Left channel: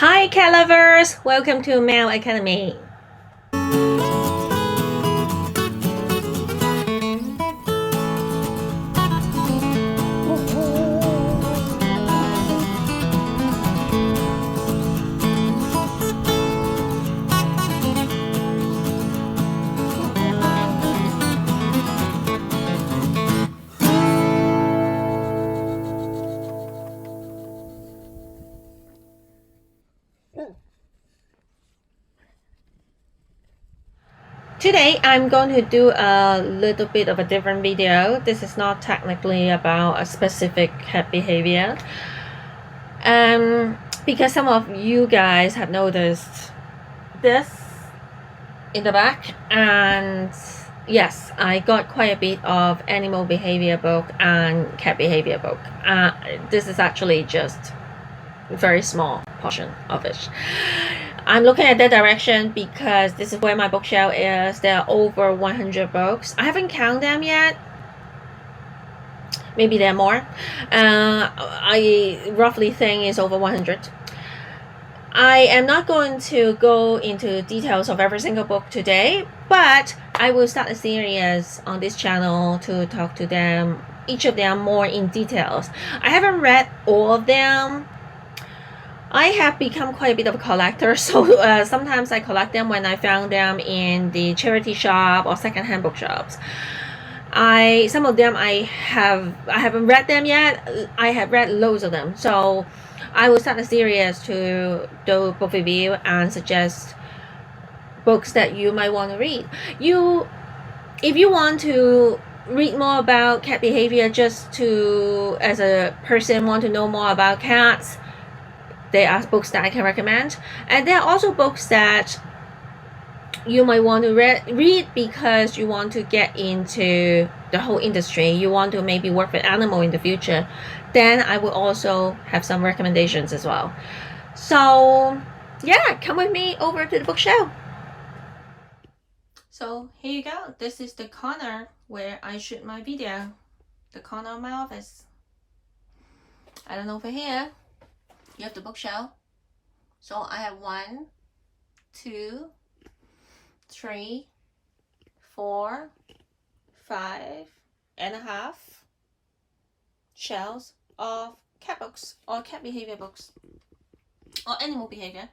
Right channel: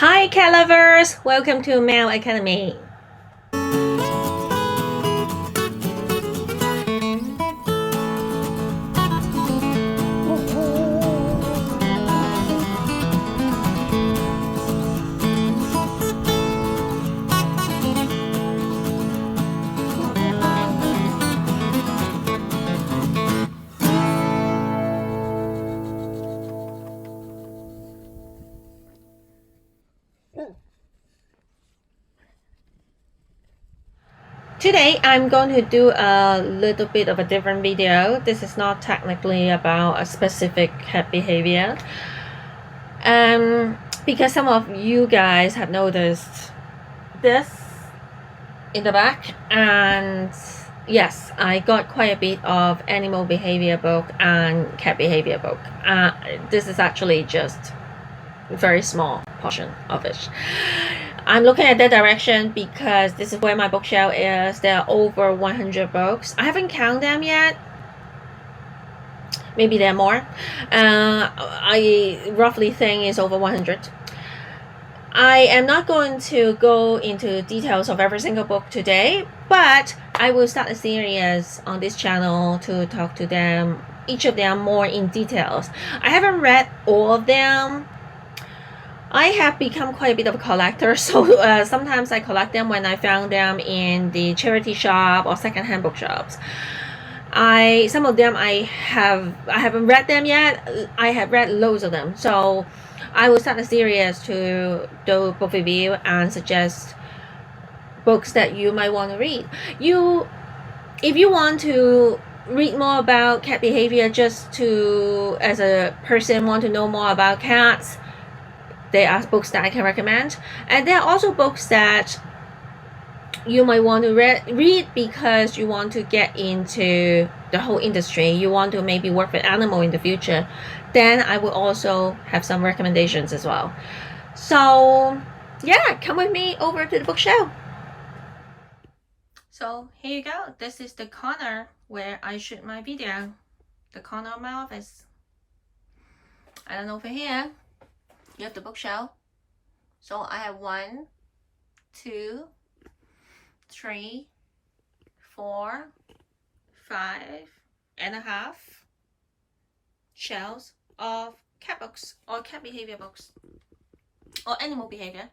Hi cat lovers! Welcome to Meow Academy. Today I'm going to do a little bit of a different video. This is not technically about a specific cat behavior. Because some of you guys have noticed this in the back, and yes, I got quite a bit of animal behavior book and cat behavior book. This is actually just a very small portion of it. I'm looking at that direction because this is where my bookshelf is. There are over 100 books. I haven't counted them yet. Maybe there are more. I roughly think it's over 100. I am not going to go into details of every single book today, but I will start a series on this channel to talk to them, each of them more in details. I haven't read all of them. I have become quite a bit of a collector, so sometimes I collect them when I found them in the charity shop or secondhand bookshops. Some of them I haven't read them yet. I have read loads of them, so I will start a series to do book review and suggest books that you might want to read. If you want to read more about cat behavior, just to as a person want to know more about cats, there are books that I can recommend, and there are also books that you might want to read because you want to get into the whole industry. You want to maybe work with animal in the future. Then I will also have some recommendations as well. So yeah, come with me over to the bookshelf. So here you go. This is the corner where I shoot my video. The corner of my office. I don't know, over here you have the bookshelf. So I have 1, 2, 3, 4, 5.5 shelves of cat books or cat behavior books or animal behavior.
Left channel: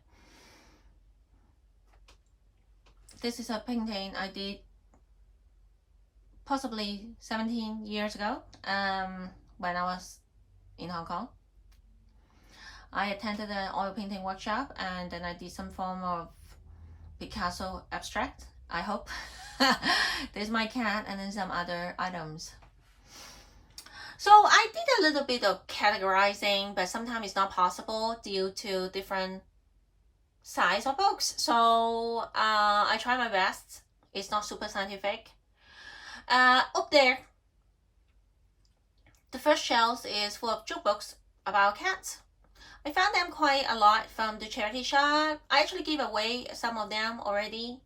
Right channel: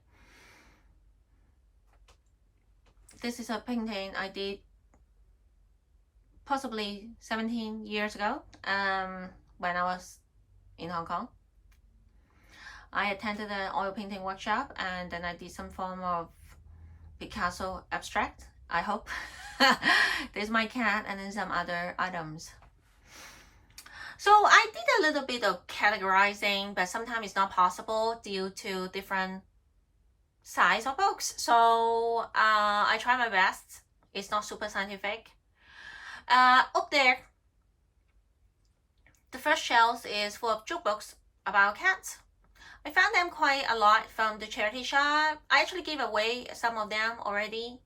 This is a painting I did possibly 17 years ago when I was in Hong Kong. I attended an oil painting workshop and then I did some form of Picasso abstract, I hope. There's my cat and then some other items. So I did a little bit of categorizing, but sometimes it's not possible due to different size of books. So I try my best. It's not super scientific. Up there, the first shelf is full of joke books about cats. I found them quite a lot from the charity shop. I actually gave away some of them already.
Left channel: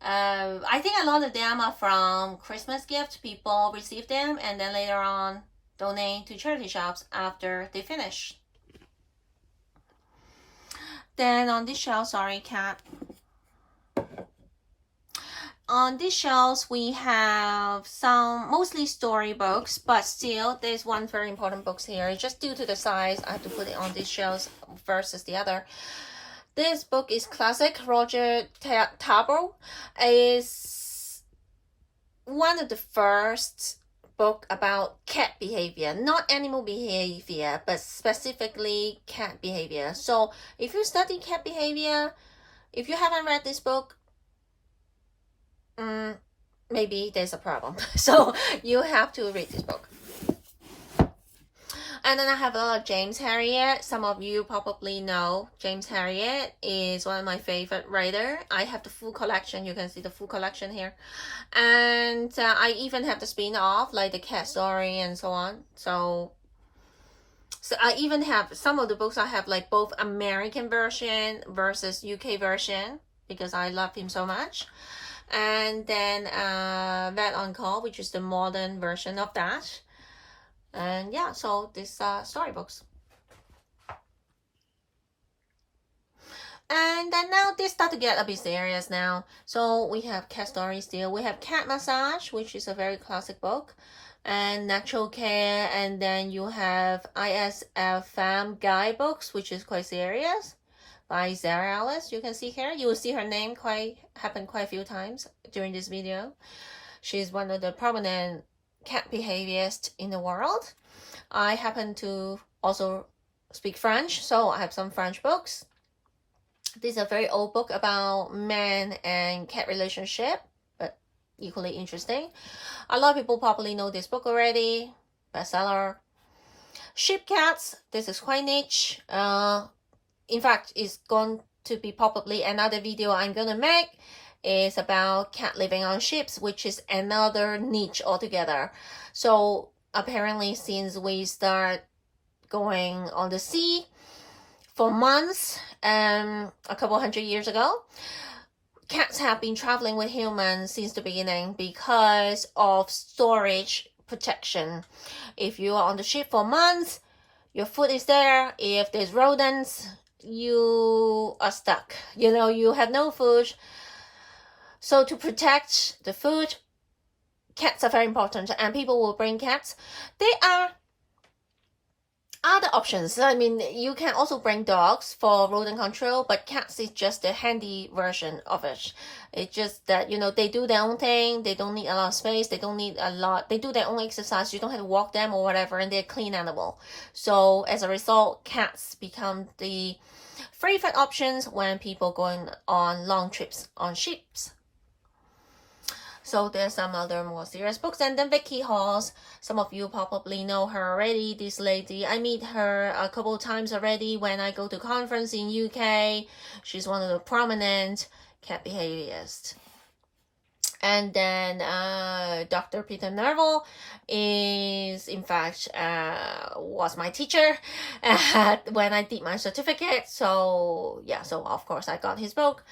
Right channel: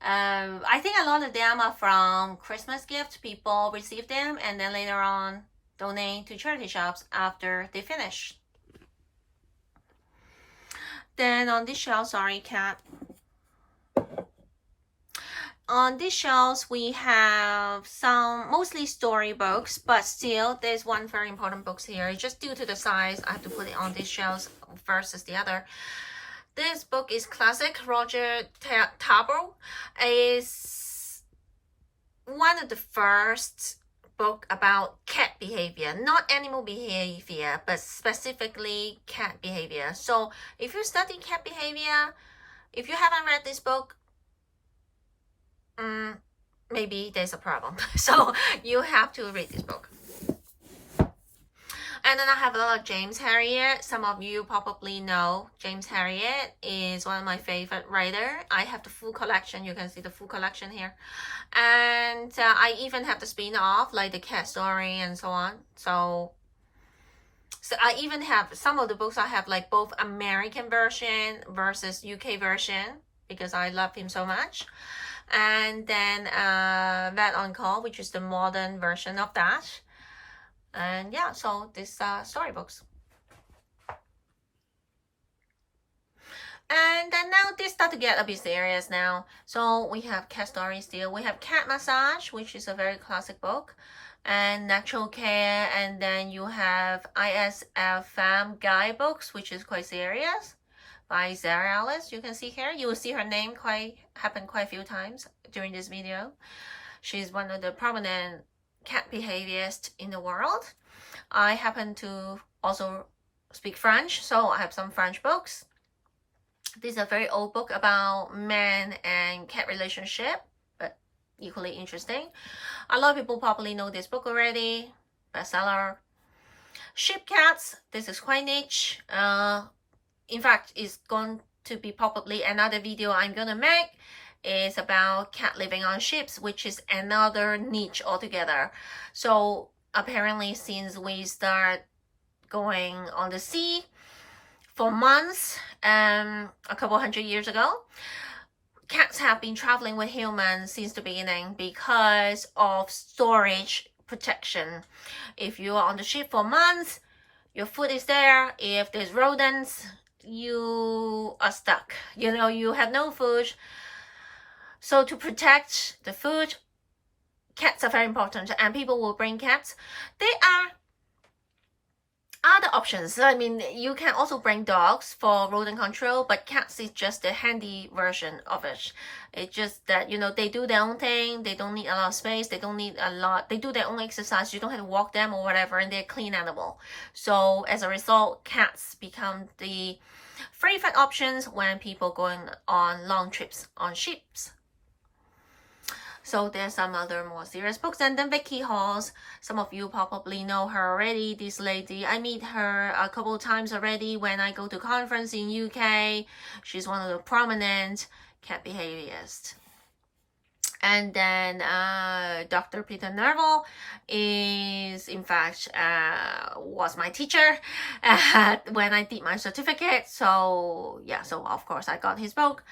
I think a lot of them are from Christmas gifts. People receive them and then later on donate to charity shops after they finish. Then on this shelf, sorry cat. On these shelves we have some mostly storybooks, but still there's one very important book here. Just due to the size, I have to put it on these shelves versus the other. This book is classic. Roger Tabo is one of the first book about cat behavior, not animal behavior, but specifically cat behavior. So if you study cat behavior, if you haven't read this book, maybe there's a problem. So you have to read this book. And then I have a lot of James Herriot. Some of you probably know James Herriot is one of my favorite writers. I have the full collection. You can see the full collection here. And I even have the spin-off, like the cat story and so on. So I even have some of the books. I have like both American version versus UK version because I love him so much. And then Vet on Call, which is the modern version of that. And yeah, so these storybooks. And then now this start to get a bit serious now. So we have cat stories still. We have Cat Massage, which is a very classic book, and Natural Care, and then you have ISFM guidebooks, which is quite serious, by Sarah Alice. You can see here. You will see her name happen quite a few times during this video. She's one of the prominent cat behaviorists in the world. I happen to also speak French, so I have some French books. This is a very old book about man and cat relationship, but equally interesting. A lot of people probably know this book already. Bestseller. Sheep Cats. This is quite niche. In fact, it's going to be probably another video I'm gonna make. Is about cat living on ships, which is another niche altogether. So apparently, since we start going on the sea for months, a couple hundred years ago, cats have been traveling with humans since the beginning because of storage protection. If you are on the ship for months, your food is there. If there's rodents, you are stuck. You have no food. So to protect the food, cats are very important, and people will bring cats. There are other options. I mean, you can also bring dogs for rodent control, but cats is just the handy version of it. It's just that, they do their own thing. They don't need a lot of space. They don't need a lot. They do their own exercise. You don't have to walk them or whatever, and they're a clean animal. So as a result, cats become the favorite options when people going on long trips on ships. So there's some other more serious books. And then Vicky Halls, some of you probably know her already. This lady, I meet her a couple of times already when I go to conference in UK. She's one of the prominent cat behaviorists. And then Dr. Peter Nerval is, in fact, was my teacher when I did my certificate. So yeah, so of course I got his book.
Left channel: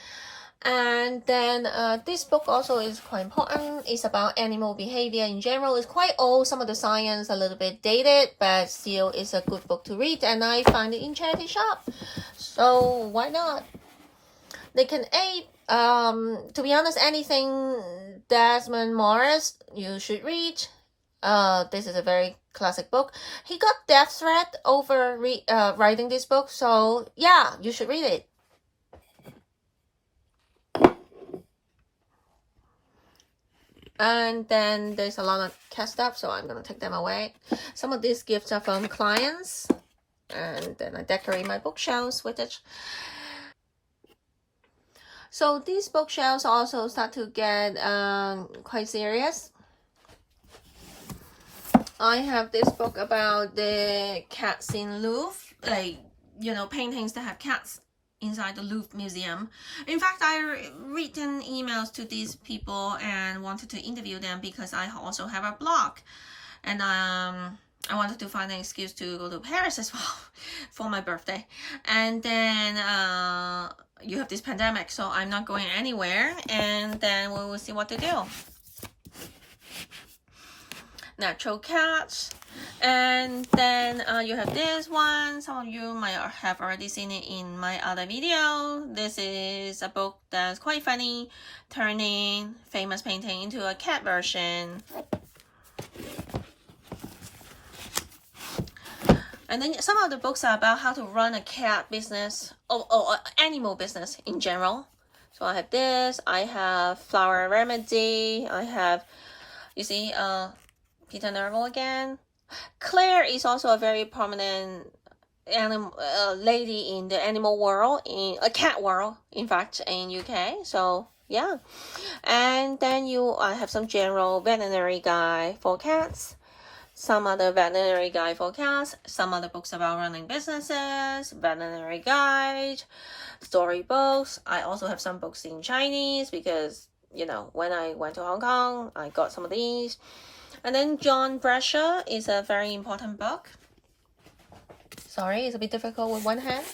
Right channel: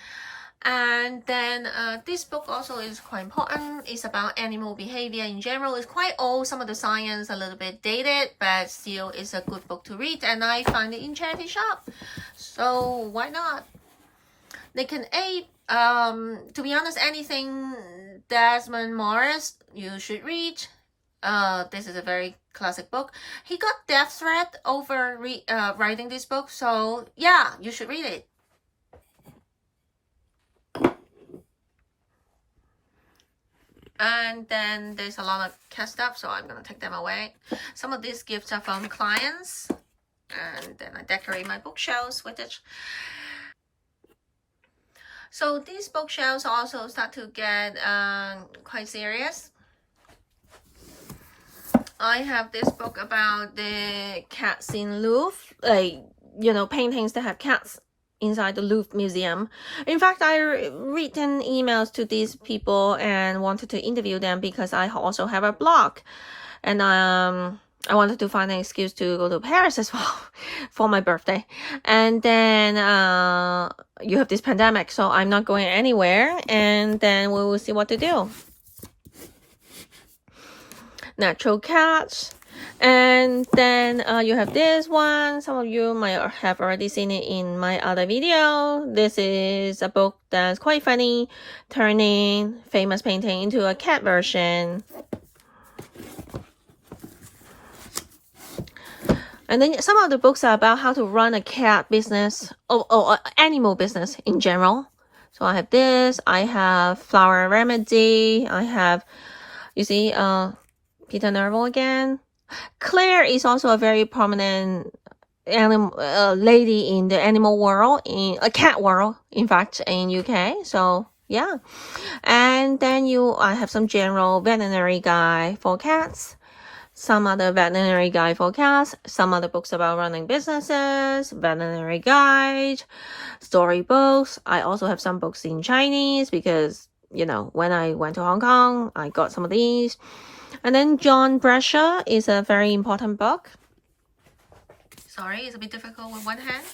And then this book also is quite important. It's about animal behavior in general. It's quite old. Some of the science a little bit dated, but still it's a good book to read. And I find it in charity shop. So why not? They can aid, to be honest, anything Desmond Morris you should read. This is a very classic book. He got death threat over writing this book. So yeah, you should read it. And then there's a lot of cat stuff, so I'm gonna take them away. Some of these gifts are from clients, and then I decorate my bookshelves with it. So these bookshelves also start to get quite serious. I have this book about the cats in Louvre, paintings that have cats inside the Louvre Museum. In fact, I written emails to these people and wanted to interview them because I also have a blog, and I wanted to find an excuse to go to Paris as well for my birthday. And then you have this pandemic, so I'm not going anywhere, and then we will see what to do. Natural Cats. And then you have this one. Some of you might have already seen it in my other video. This is a book that's quite funny, turning famous painting into a cat version. And then some of the books are about how to run a cat business or animal business in general. So I have this. I have Flower Remedy. I have, you see, Peter Nerval again. Claire is also a very prominent lady in the animal world, in a cat world, in fact, in UK. So yeah. And then I have some general veterinary guide for cats, some other veterinary guide for cats, some other books about running businesses, veterinary guide, storybooks. I also have some books in Chinese because, when I went to Hong Kong, I got some of these. And then John Bradshaw is a very important book. Sorry, it's a bit difficult with one hand.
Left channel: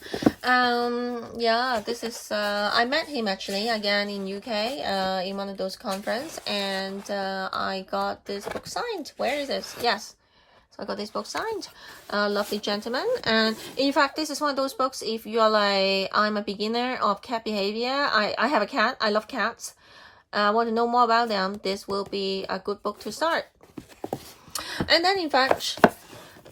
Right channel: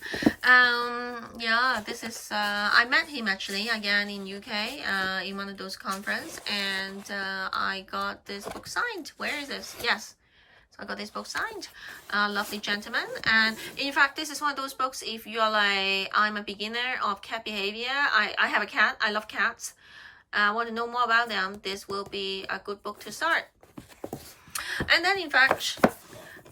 Yeah, this is, I met him actually again in UK in one of those conferences, and I got this book signed. Where is this? Yes. So I got this book signed. Lovely gentleman. And in fact, this is one of those books, if you're like, I'm a beginner of cat behavior, I have a cat, I love cats, I want to know more about them, this will be a good book to start. And then in fact,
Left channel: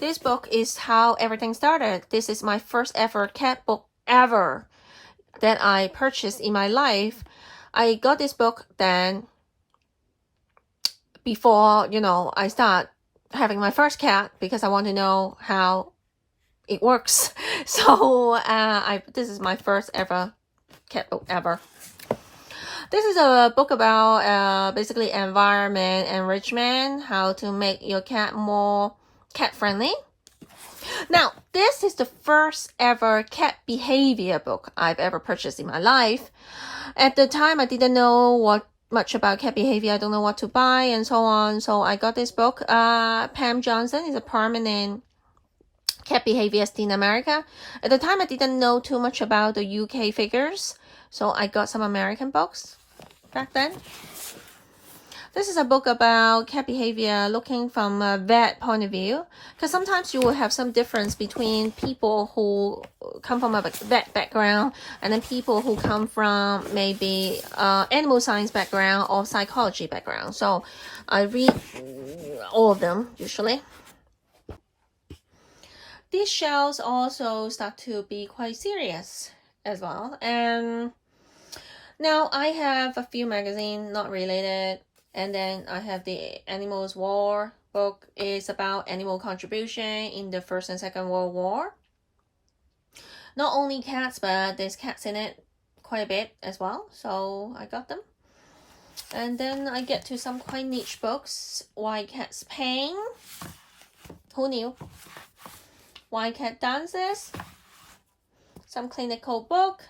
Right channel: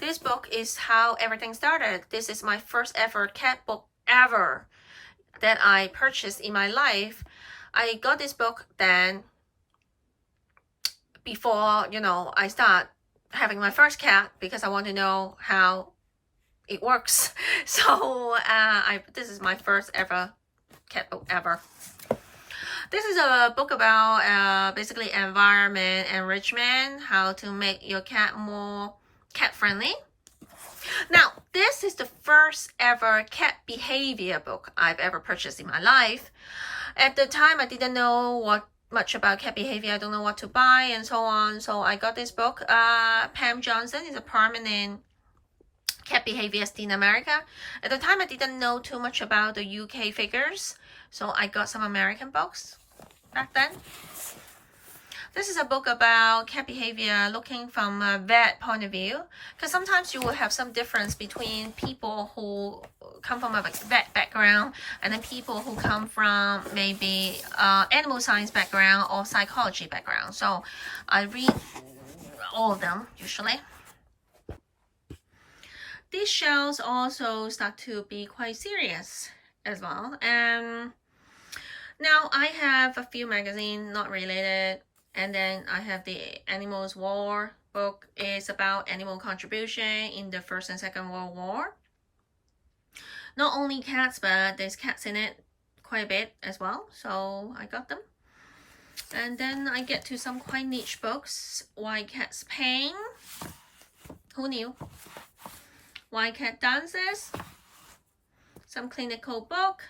this book is how everything started. This is my first ever cat book ever that I purchased in my life. I got this book then before, you know, I start having my first cat, because I want to know how it works. So this is my first ever cat book ever. This is a book about basically environment enrichment, how to make your cat more cat friendly. Now, this is the first ever cat behavior book I've ever purchased in my life. At the time, I didn't know much about cat behavior. I don't know what to buy and so on. So I got this book. Pam Johnson is a permanent cat behaviorist in America. At the time, I didn't know too much about the UK figures. So I got some American books back then. This is a book about cat behavior looking from a vet point of view, because sometimes you will have some difference between people who come from a vet background and then people who come from maybe animal science background or psychology background. So I read all of them usually. These shelves also start to be quite serious as well. And now I have a few magazines not related. And then I have the Animals War book. It's about animal contribution in the First and Second World War. Not only cats, but there's cats in it quite a bit as well. So I got them. And then I get to some quite niche books. Why Cats Pain. Who knew? Why Cat Dances. Some clinical book.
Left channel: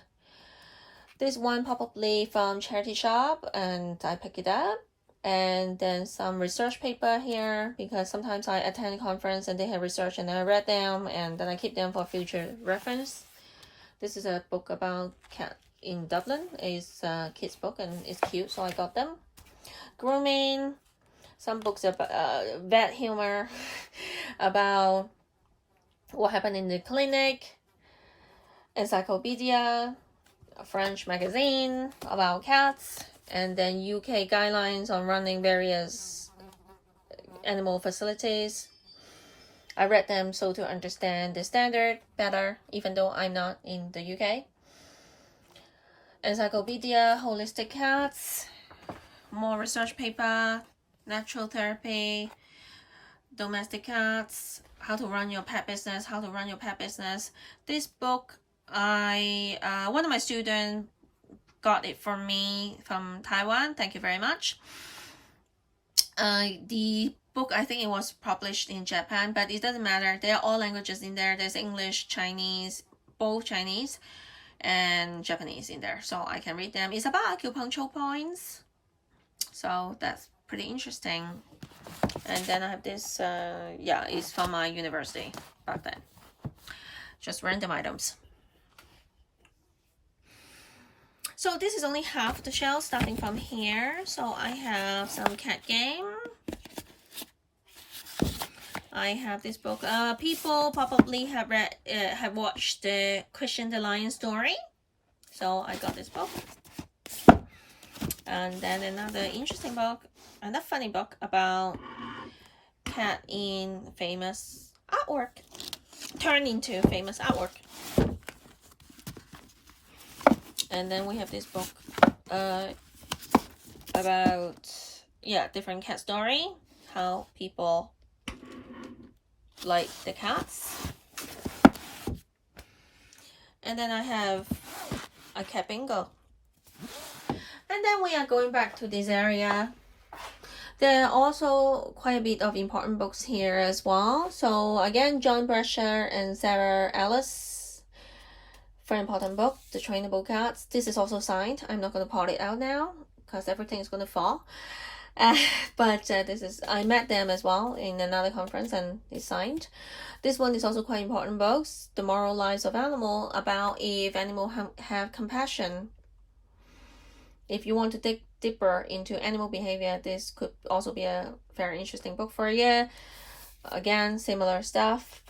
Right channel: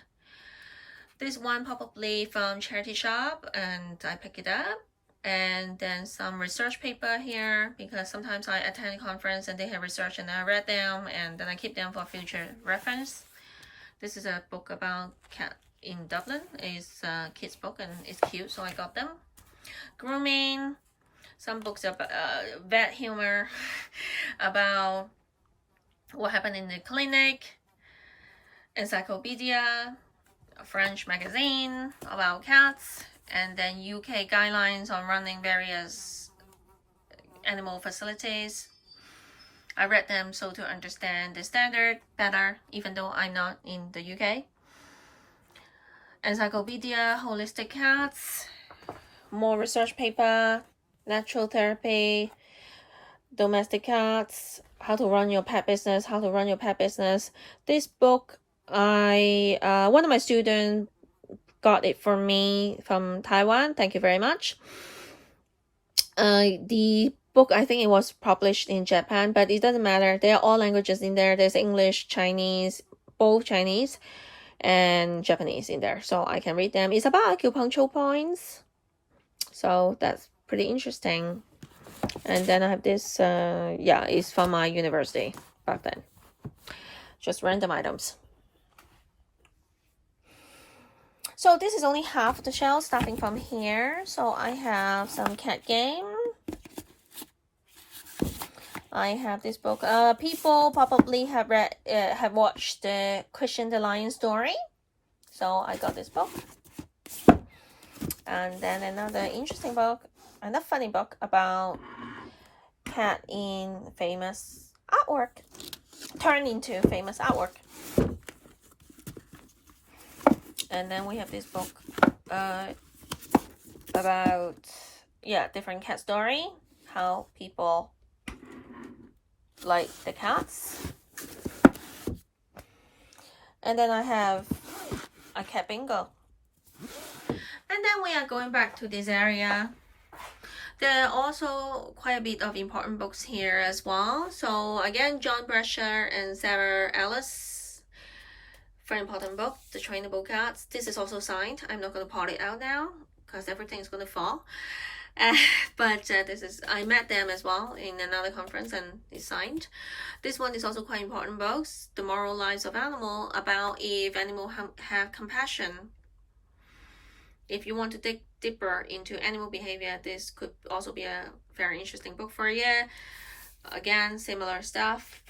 This one probably from charity shop, and I picked it up. And then some research paper here, because sometimes I attend a conference and they have research and I read them and then I keep them for future reference. This is a book about cat in Dublin. It's a kid's book and it's cute, so I got them. Grooming, some books about vet humor, about what happened in the clinic, encyclopedia, a French magazine about cats, and then UK guidelines on running various animal facilities. I read them so to understand the standard better, even though I'm not in the UK. Encyclopedia, holistic cats, more research paper, natural therapy, domestic cats, how to run your pet business, how to run your pet business. This book, one of my students got it for me from Taiwan. Thank you very much. The book, I think it was published in Japan, but it doesn't matter. There are all languages in there. There's English, Chinese, both Chinese and Japanese in there, so I can read them. It's about acupuncture points, so that's pretty interesting. And then I have this, it's from my university back then. Just random items. So this is only half the shelf, starting from here. So I have some cat game. I have this book. People probably have watched the Christian the Lion story. So I got this book. And then another interesting book, another funny book about cat in famous artwork, turned into famous artwork. And then we have this book about different cat story, how people like the cats. And then I have a cat bingo. And then we are going back to this area. There are also quite a bit of important books here as well. So again, John Brescher and Sarah Ellis. Very important book, The Trainable Cats. This is also signed. I'm not going to part it out now because everything is going to fall. But I met them as well in another conference and it's signed. This one is also quite important books. The Moral Lives of Animal, about if animals have compassion. If you want to dig deeper into animal behavior, this could also be a very interesting book for you. Again, similar stuff.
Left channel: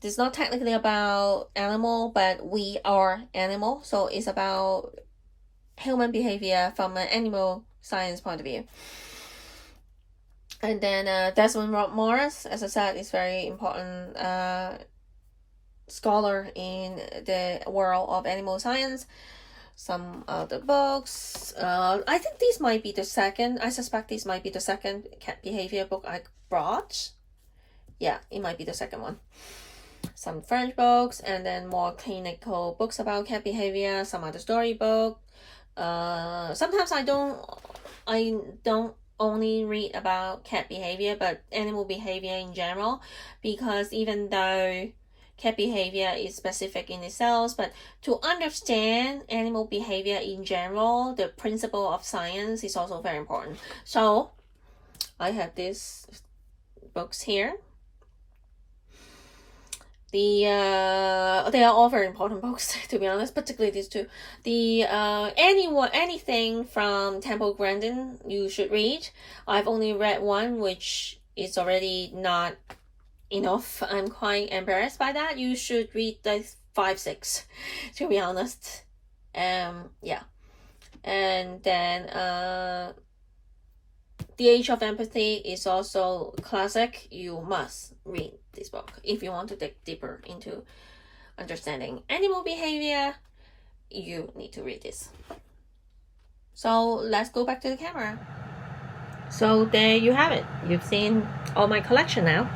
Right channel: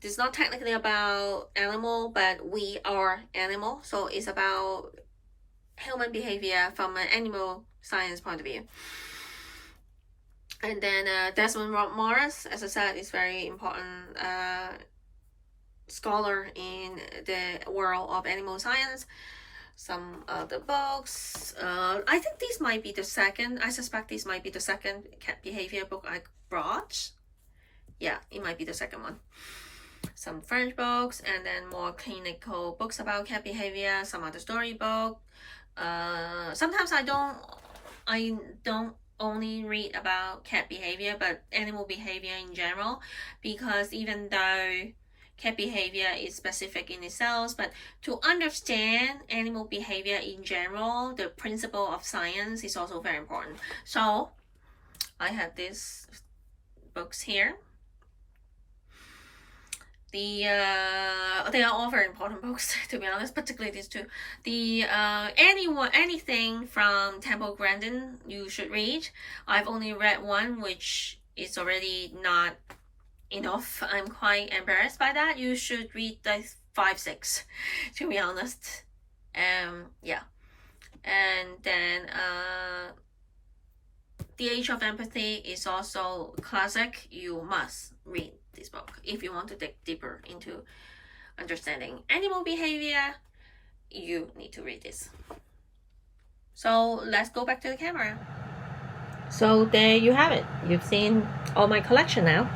It's not technically about animal, but we are animal, so it's about human behavior from an animal science point of view. And then Desmond Morris, as I said, is very important scholar in the world of animal science. Some other books. I think this might be the second. I suspect this might be the second cat behavior book I brought. Yeah, it might be the second one. Some French books, and then more clinical books about cat behavior. Some other storybook. Sometimes I don't only read about cat behavior, but animal behavior in general, because even though cat behavior is specific in itself, but to understand animal behavior in general, the principle of science is also very important. So I have these books here. They are all very important books, to be honest, particularly these two. Anything from Temple Grandin you should read. I've only read one, which is already not enough. I'm quite embarrassed by that. You should read the 5-6, to be honest. Yeah. And then The Age of Empathy is also classic. You must read this book if you want to dig deeper into understanding animal behavior. You need to read this. So let's go back to the camera. So there you have it. You've seen all my collection now.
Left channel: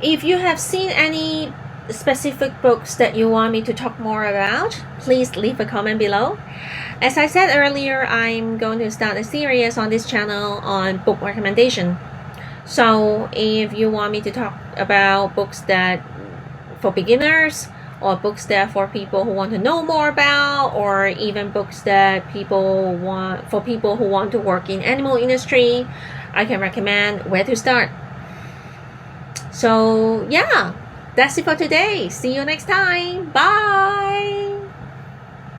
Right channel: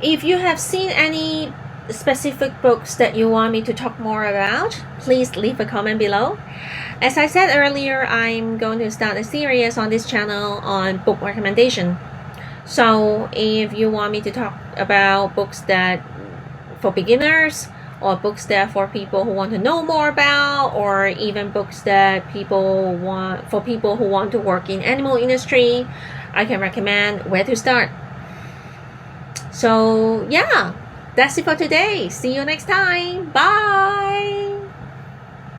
If you have seen any specific books that you want me to talk more about, please leave a comment below. As I said earlier, I'm going to start a series on this channel on book recommendation. So if you want me to talk about books that for beginners, or books that for people who want to know more about, or even books that people who want to work in animal industry, I can recommend where to start. So yeah, that's it for today. See you next time. Bye.